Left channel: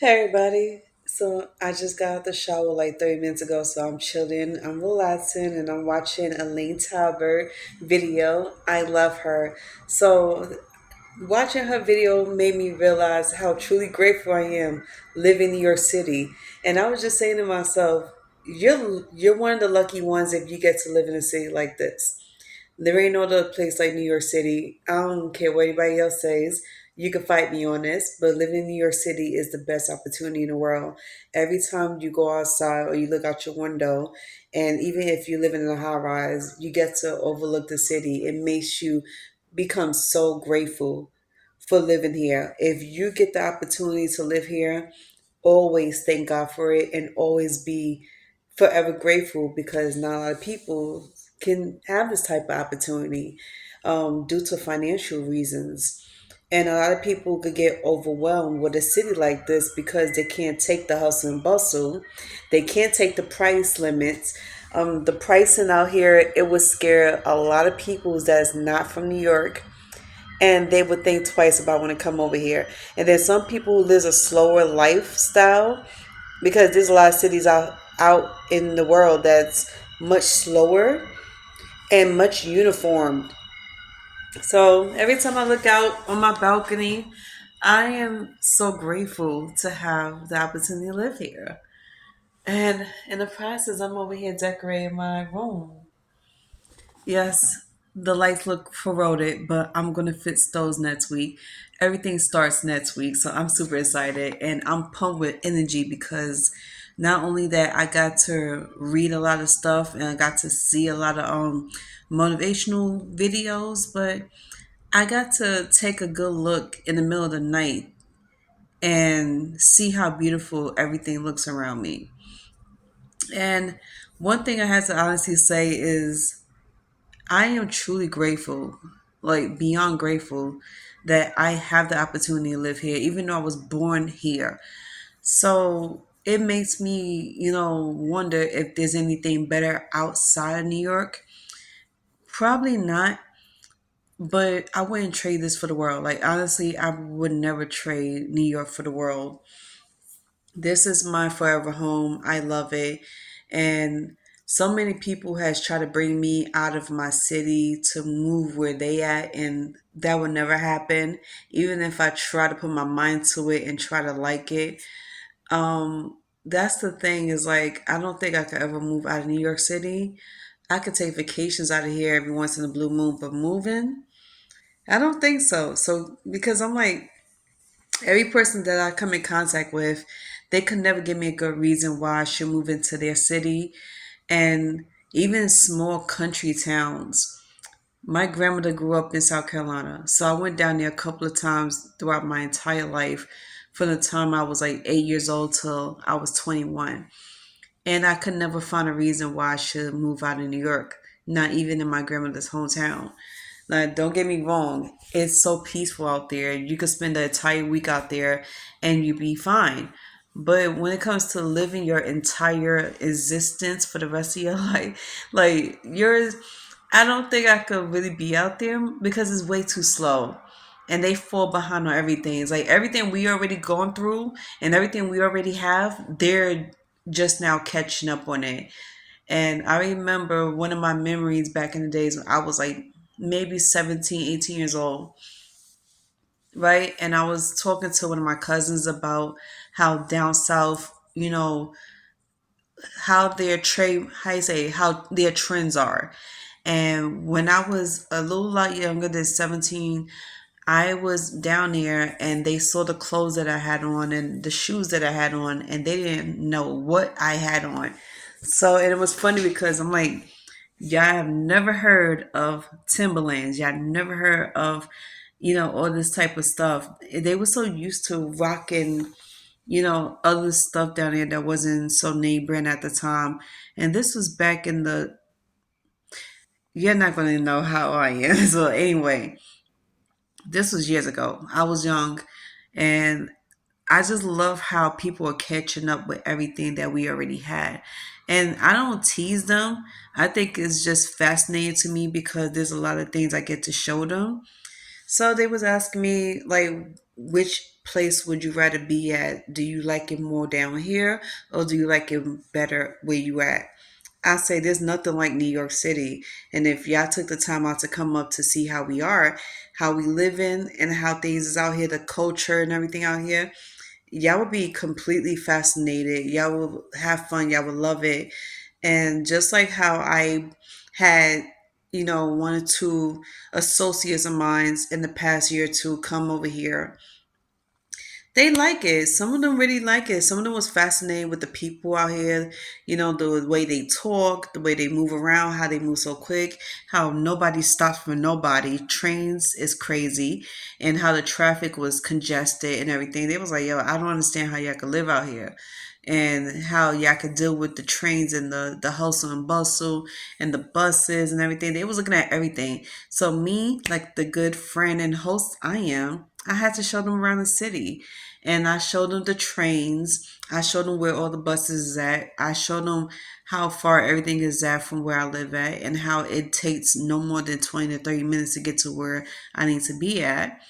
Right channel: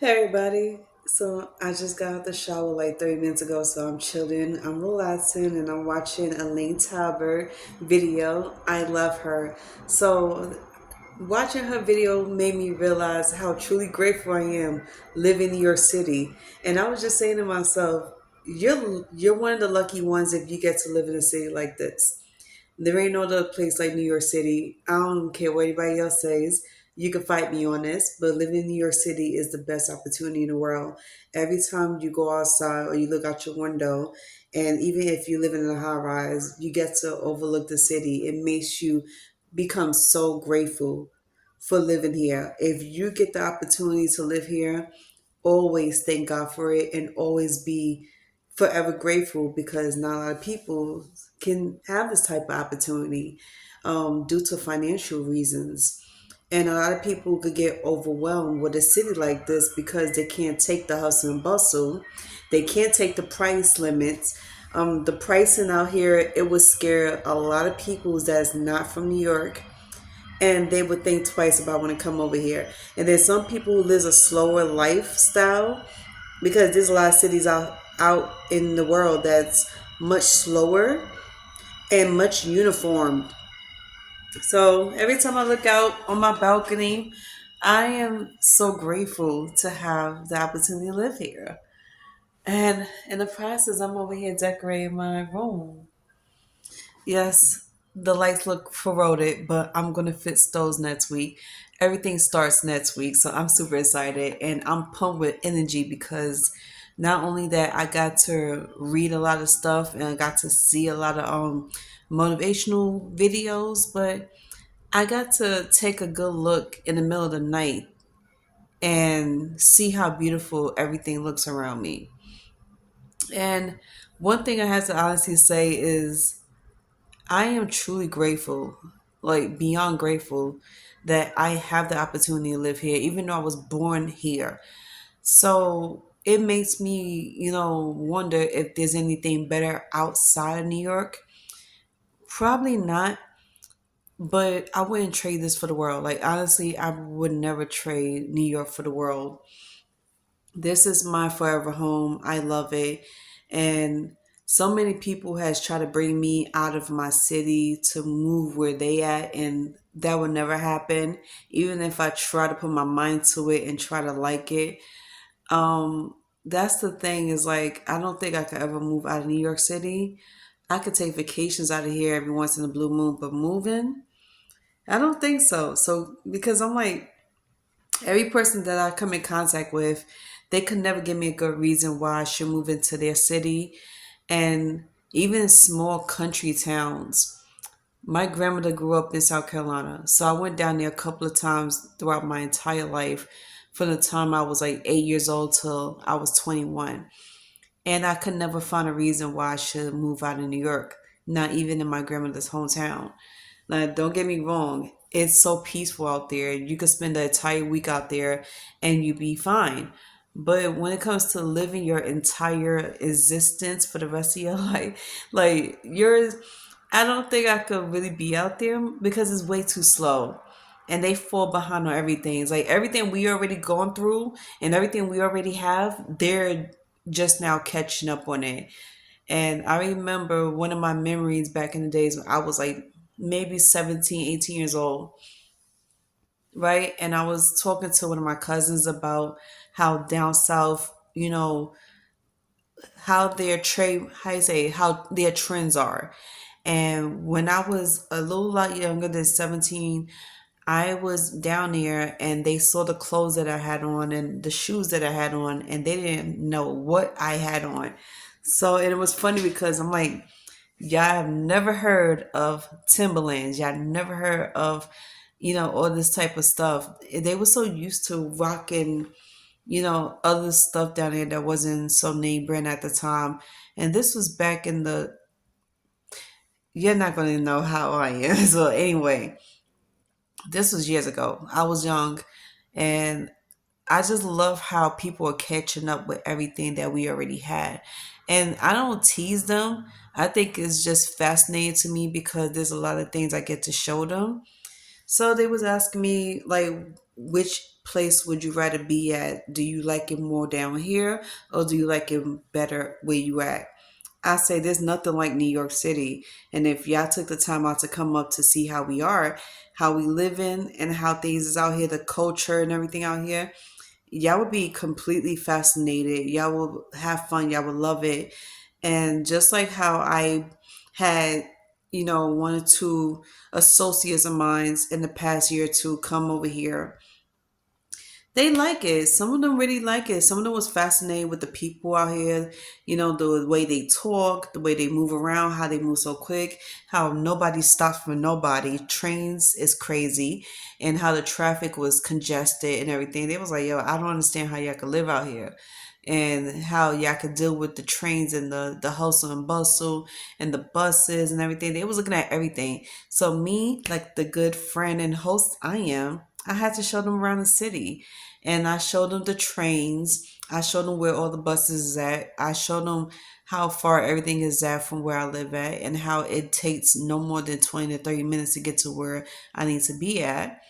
Hey everybody. So I just got out the shower like 30 minutes ago, so I'm chilling, I'm relaxing, and I'm watching Elaine Talbert video. I love her. So watching her video made me realize how truly grateful I am living in New York City. And I was just saying to myself, you're one of the lucky ones if you get to live in a city like this. There ain't no other place like New York City. I don't care what anybody else says. You can fight me on this, but living in New York City is the best opportunity in the world. Every time you go outside or you look out your window, and even if you live in a high rise, you get to overlook the city. It makes you become so grateful for living here. If you get the opportunity to live here, always thank God for it and always be forever grateful because not a lot of people can have this type of opportunity due to financial reasons. And a lot of people could get overwhelmed with a city like this because they can't take the hustle and bustle. They can't take the price limits. The pricing out here, it would scare a lot of people that's not from New York, and they would think twice about when to come over here. And there's some people who live a slower lifestyle because there's a lot of cities out in the world that's much slower and much uniformed. So every time I look out on my balcony, I am so grateful to have the opportunity to live here. And in the process, I'm over here decorating my room. Yes, the lights look corroded, but I'm gonna fix those next week. Everything starts next week, so I'm super excited and I'm pumped with energy because not only that I got to read a lot of stuff and I got to see a lot of motivational videos, but I got to take a good look in the middle of the night and see how beautiful everything looks around me. And one thing I have to honestly say is I am truly grateful, like beyond grateful, that I have the opportunity to live here, even though I was born here. So it makes me, wonder if there's anything better outside of New York. Probably not, but I wouldn't trade this for the world. Like honestly, I would never trade New York for the world. This is my forever home. I love it. And so many people has tried to bring me out of my city to move where they at, and that would never happen. Even if I try to put my mind to it and try to like it. That's the thing is like I don't think I could ever move out of New York City. I could take vacations out of here every once in a blue moon, but moving, I don't think so. So because I'm like every person that I come in contact with, they could never give me a good reason why I should move into their city. And even small country towns. My grandmother grew up in South Carolina, so I went down there a couple of times throughout my entire life from the time I was like 8 years old till I was 21. And I could never find a reason why I should move out of New York, not even in my grandmother's hometown. Now, don't get me wrong, it's so peaceful out there. You could spend the entire week out there and you'd be fine. But when it comes to living your entire existence for the rest of your life, like yours, I don't think I could really be out there because it's way too slow. And they fall behind on everything. It's like everything we already gone through and everything we already have, they're just now catching up on it. And I remember one of my memories back in the days when I was like maybe 17, 18 years old, right? And I was talking to one of my cousins about how down south, how their trade, how you say, how their trends are. And when I was a little lot younger than 17, I was down there and they saw the clothes that I had on and the shoes that I had on, and they didn't know what I had on. So and it was funny because I'm like, y'all have never heard of Timberlands. Y'all never heard of, all this type of stuff. They were so used to rocking, other stuff down there that wasn't so name brand at the time. And this was back in the, you're not going to know how I am. So anyway, this was years ago. I was young and I just love how people are catching up with everything that we already had. And I don't tease them. I think it's just fascinating to me because there's a lot of things I get to show them. So they was asking me like which place would you rather be at? Do you like it more down here, or do you like it better where you at? I say there's nothing like New York City. And if y'all took the time out to come up to see how we are, how we live in, and how things is out here, the culture and everything out here, y'all would be completely fascinated. Y'all will have fun. Y'all will love it. And just like how I had, one or two associates of mine in the past year or two come over here, they like it. Some of them really like it. Some of them was fascinated with the people out here, the way they talk, the way they move around, how they move so quick, how nobody stops for nobody. Trains is crazy, and how the traffic was congested and everything. They was like, yo, I don't understand how y'all can live out here. And how y'all can deal with the trains and the hustle and bustle and the buses and everything. They was looking at everything. So me, like the good friend and host I am, I had to show them around the city. And I showed them the trains. I showed them where all the buses is at. I showed them how far everything is at from where I live at, and how it takes no more than 20 to 30 minutes to get to where I need to be at.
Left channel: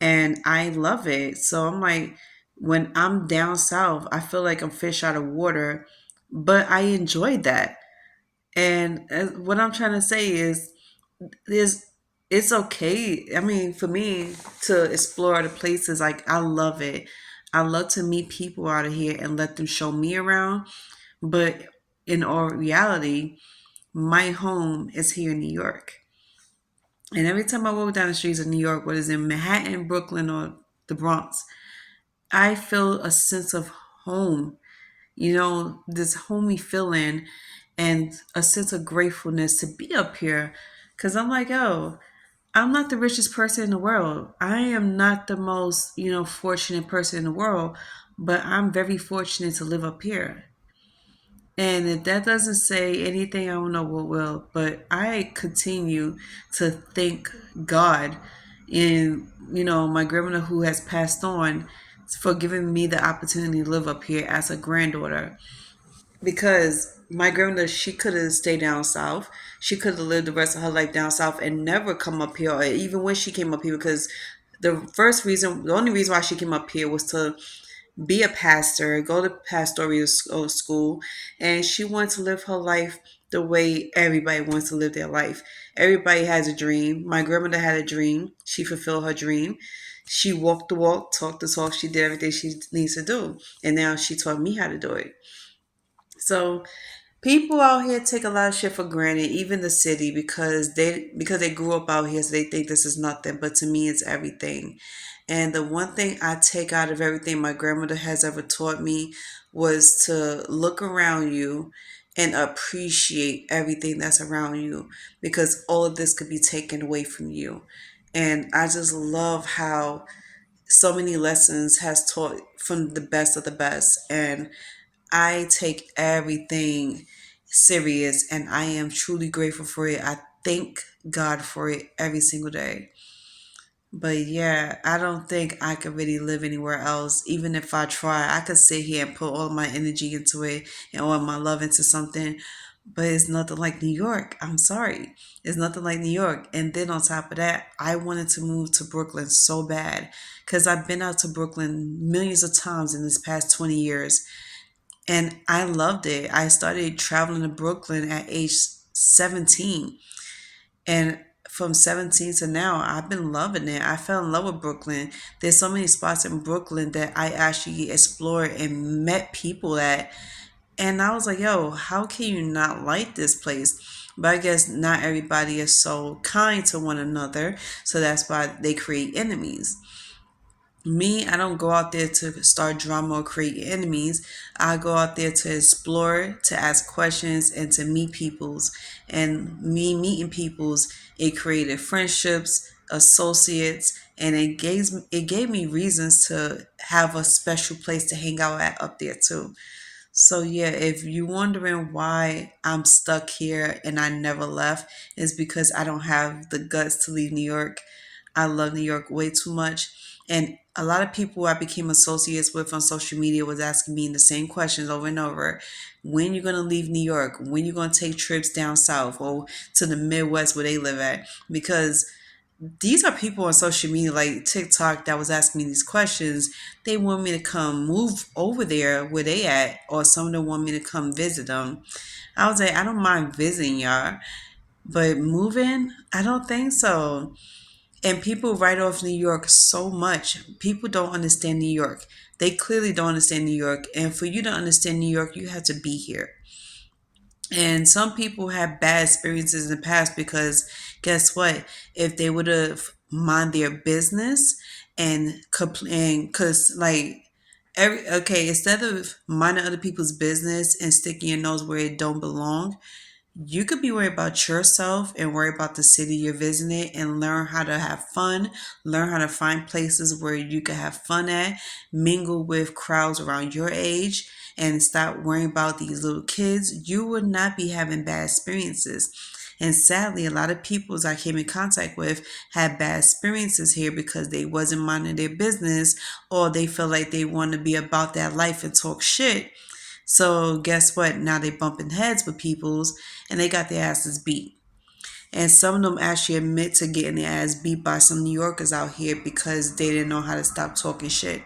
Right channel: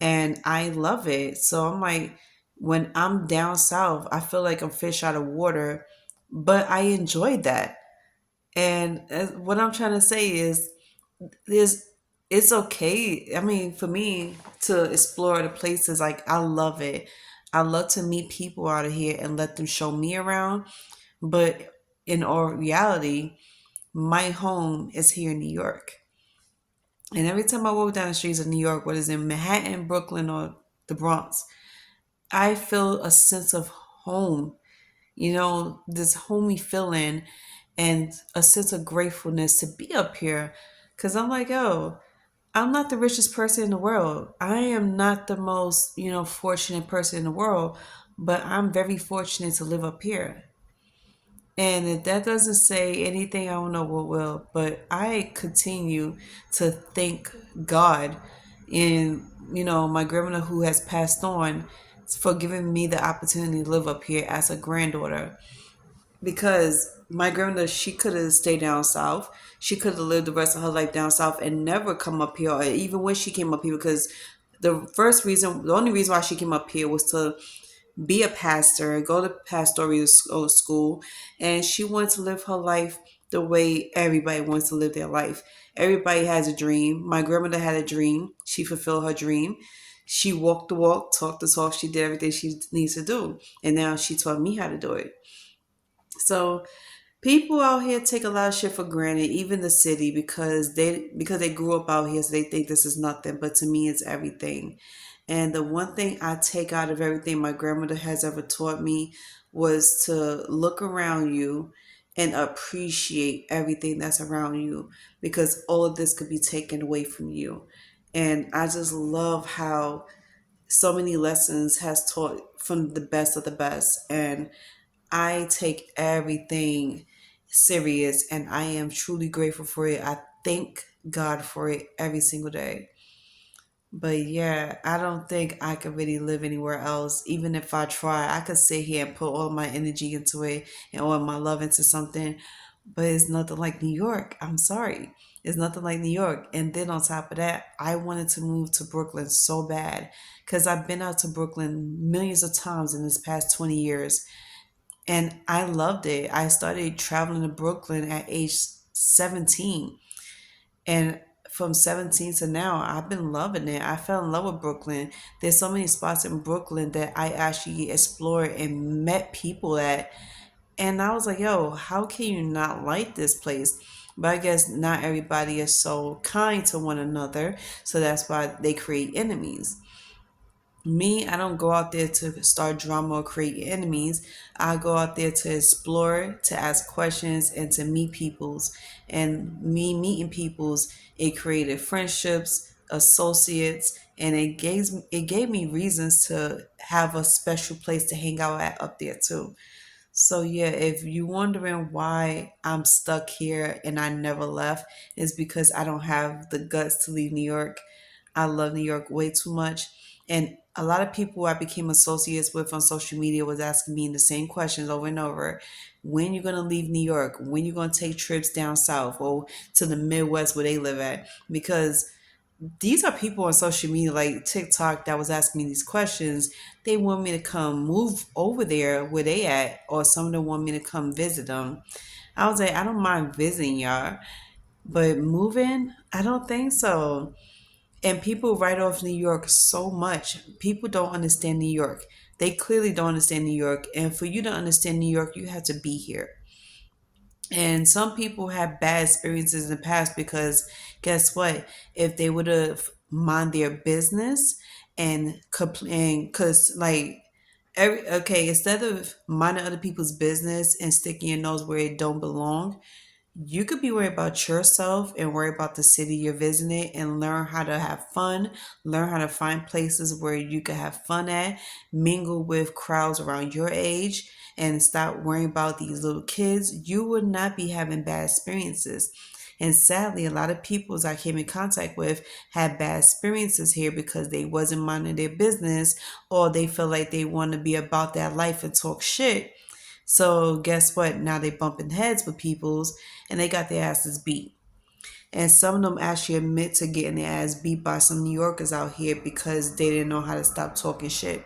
And I love it. So I'm like, when I'm down south, I feel like I'm fish out of water, but I enjoyed that. And what I'm trying to say is, there's it's okay. I mean, for me to explore the places, like I love it. I love to meet people out of here and let them show me around. But in all reality, my home is here in New York. And every time I walk down the streets of New York, whether it's in Manhattan, Brooklyn, or the Bronx, I feel a sense of home. This homey feeling and a sense of gratefulness to be up here. Cause I'm like, yo, I'm not the richest person in the world. I am not the most, fortunate person in the world, but I'm very fortunate to live up here. And if that doesn't say anything, I don't know what will. But I continue to thank God and, my grandmother who has passed on for giving me the opportunity to live up here as a granddaughter, because my grandmother, she could have stayed down south. She could have lived the rest of her life down south and never come up here, or even when she came up here, because the only reason why she came up here was to be a pastor, go to pastoral school, and she wanted to live her life the way everybody wants to live their life. Everybody has a dream. My grandmother had a dream. She fulfilled her dream. She walked the walk, talked the talk. She did everything she needs to do, and now she taught me how to do it. So people out here take a lot of shit for granted, even the city, because they grew up out here, so they think this is nothing. But to me, it's everything. And the one thing I take out of everything my grandmother has ever taught me was to look around you and appreciate everything that's around you, because all of this could be taken away from you. And I just love how so many lessons has taught from the best of the best. And I take everything serious, and I am truly grateful for it. I thank God for it every single day. But yeah, I don't think I could really live anywhere else. Even if I try, I could sit here and put all my energy into it and all my love into something. But it's nothing like New York. I'm sorry. It's nothing like New York. And then on top of that, I wanted to move to Brooklyn so bad, because I've been out to Brooklyn millions of times in this past 20 years. And I loved it. I started traveling to Brooklyn at age 17. And from 17 to now, I've been loving it. I fell in love with Brooklyn. There's so many spots in Brooklyn that I actually explored and met people at. And I was like, yo, how can you not like this place? But I guess not everybody is so kind to one another. So that's why they create enemies. Me, I don't go out there to start drama or create enemies. I go out there to explore, to ask questions, and to meet peoples. And me meeting peoples, it created friendships, associates, and it gave me reasons to have a special place to hang out at up there too. So yeah, if you're wondering why I'm stuck here and I never left, is because I don't have the guts to leave New York. I love New York way too much. And a lot of people I became associates with on social media was asking me the same questions over and over. When you gonna leave New York? When you gonna take trips down south or to the Midwest where they live at? Because these are people on social media like TikTok that was asking me these questions. They want me to come move over there where they at, or some of them want me to come visit them. I was like, I don't mind visiting y'all, but moving, I don't think so. And people write off New York so much. People don't understand New York. They clearly don't understand New York. And for you to understand New York, you have to be here. And some people have bad experiences in the past because guess what? If they would have mind their business and complain, because like okay, instead of minding other people's business and sticking your nose where it don't belong, you could be worried about yourself and worry about the city you're visiting and learn how to have fun, learn how to find places where you can have fun at, mingle with crowds around your age, and stop worrying about these little kids. You would not be having bad experiences. And sadly, a lot of people I came in contact with had bad experiences here because they wasn't minding their business, or they feel like they want to be about that life and talk shit. So guess what? Now they bumping heads with peoples and they got their asses beat. And some of them actually admit to getting their ass beat by some New Yorkers out here because they didn't know how to stop talking shit.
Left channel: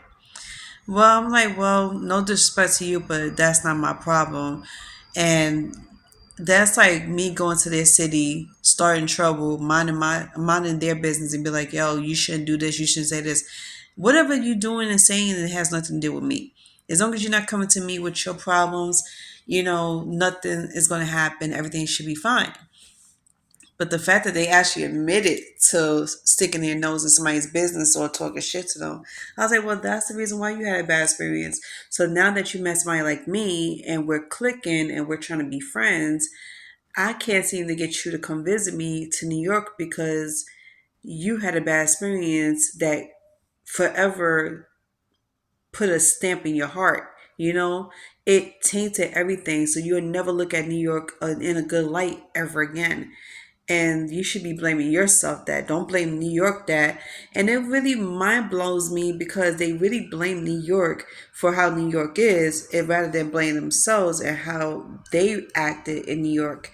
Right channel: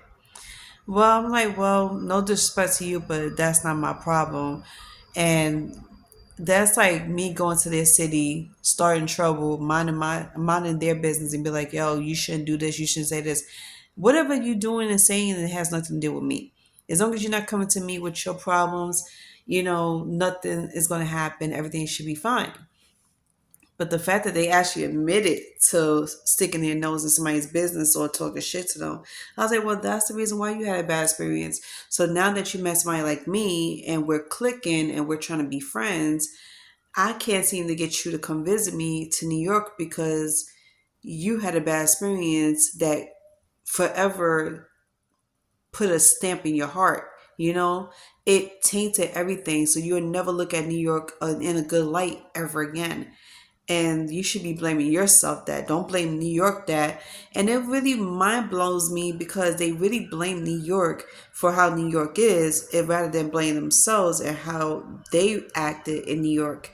Well, I'm like, well, no disrespect to you, but that's not my problem. And that's like me going to their city, starting trouble, minding their business, and be like, yo, you shouldn't do this, you shouldn't say this. Whatever you're doing and saying, it has nothing to do with me. As long as you're not coming to me with your problems, nothing is going to happen. Everything should be fine. But the fact that they actually admitted to sticking their nose in somebody's business or talking shit to them, I was like, well, that's the reason why you had a bad experience. So now that you met somebody like me and we're clicking and we're trying to be friends, I can't seem to get you to come visit me to New York because you had a bad experience that forever put a stamp in your heart. It tainted everything. So you'll never look at New York in a good light ever again. And you should be blaming yourself that. Don't blame New York that. And it really mind blows me because they really blame New York for how New York is, and rather than blame themselves and how they acted in New York.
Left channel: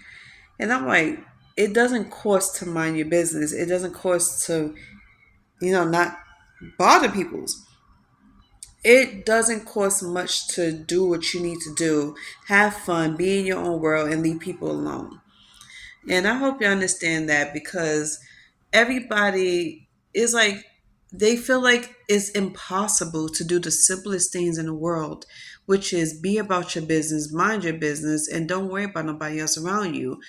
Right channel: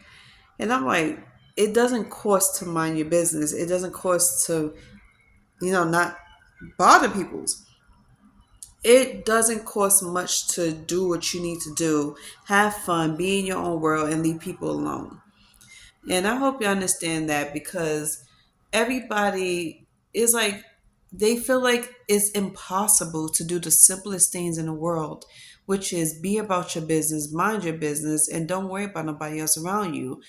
And I'm like, it doesn't cost to mind your business. It doesn't cost to, not bother people's. It doesn't cost much to do what you need to do. Have fun, be in your own world, and leave people alone. And I hope you understand that because everybody is like, they feel like it's impossible to do the simplest things in the world, which is be about your business, mind your business, and don't worry about nobody else around you.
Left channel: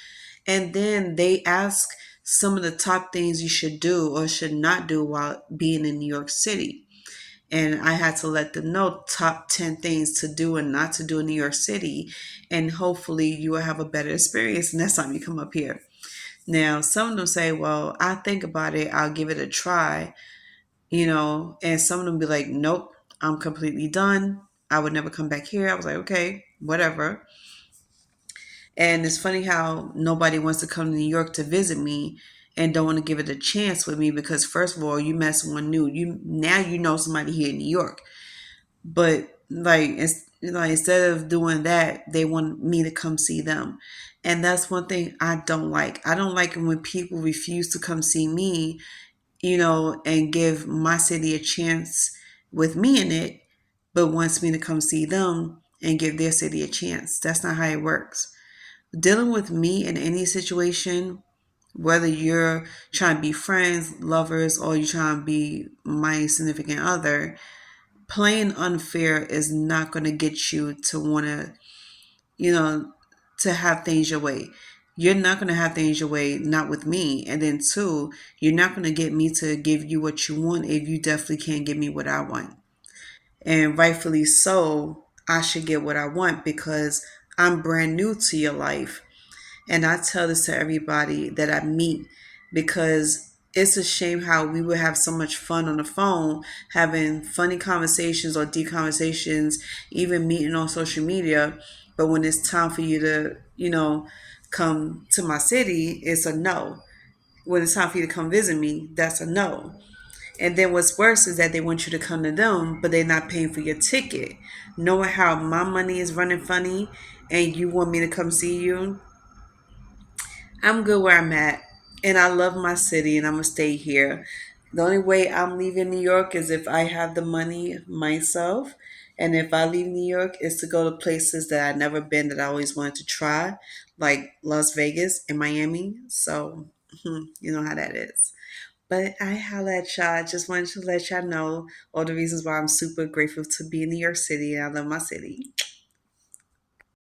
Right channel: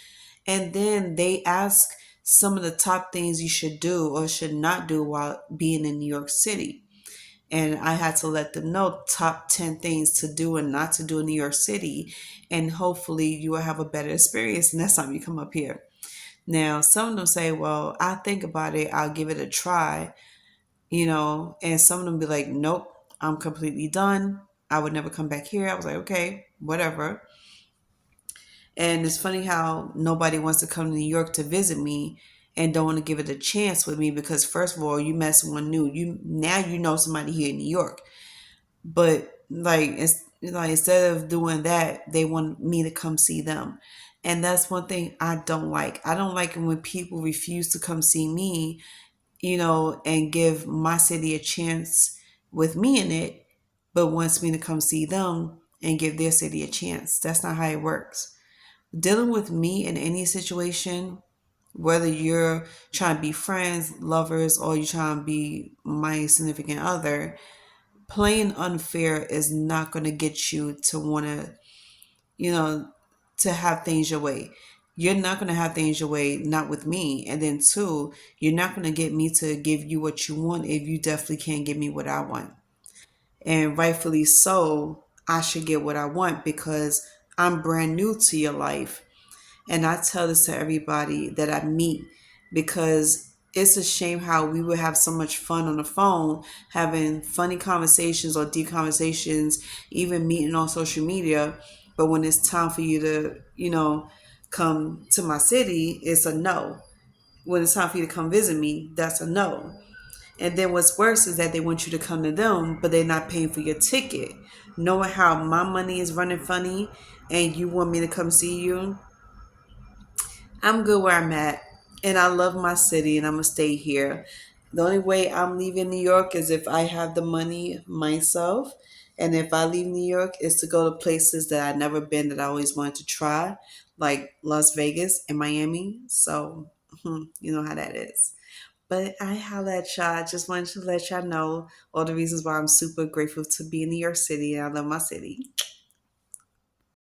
And then they ask some of the top things you should do or should not do while being in New York City. And I had to let them know top 10 things to do and not to do in New York City. And hopefully you will have a better experience next time you come up here. Now, some of them say, well, I think about it, I'll give it a try, and some of them be like, nope, I'm completely done. I would never come back here. I was like, okay, whatever. And it's funny how nobody wants to come to New York to visit me and don't want to give it a chance with me because first of all, you met someone new. You know somebody here in New York. But like instead of doing that, they want me to come see them. And that's one thing I don't like. I don't like it when people refuse to come see me, and give my city a chance with me in it, but wants me to come see them and give their city a chance. That's not how it works. Dealing with me in any situation, whether you're trying to be friends, lovers, or you're trying to be my significant other, playing unfair is not going to get you to want to, you know, to have things your way. You're not going to have things your way, not with me. And then, two, you're not going to get me to give you what you want if you definitely can't give me what I want. And rightfully so, I should get what I want because I'm brand new to your life. And I tell this to everybody that I meet because it's a shame how we would have so much fun on the phone, having funny conversations or deep conversations, even meeting on social media. But when it's time for you to, come to my city, it's a no. When it's time for you to come visit me, that's a no. And then what's worse is that they want you to come to them, but they're not paying for your ticket. Knowing how my money is running funny and you want me to come see you, I'm good where I'm at. And I love my city and I'm gonna stay here. The only way I'm leaving New York is if I have the money myself. And if I leave New York is to go to places that I've never been that I always wanted to try, like Las Vegas and Miami. So you know how that is. But I holla at y'all. I just wanted to let y'all know all the reasons why I'm super grateful to be in New York City and I love my city.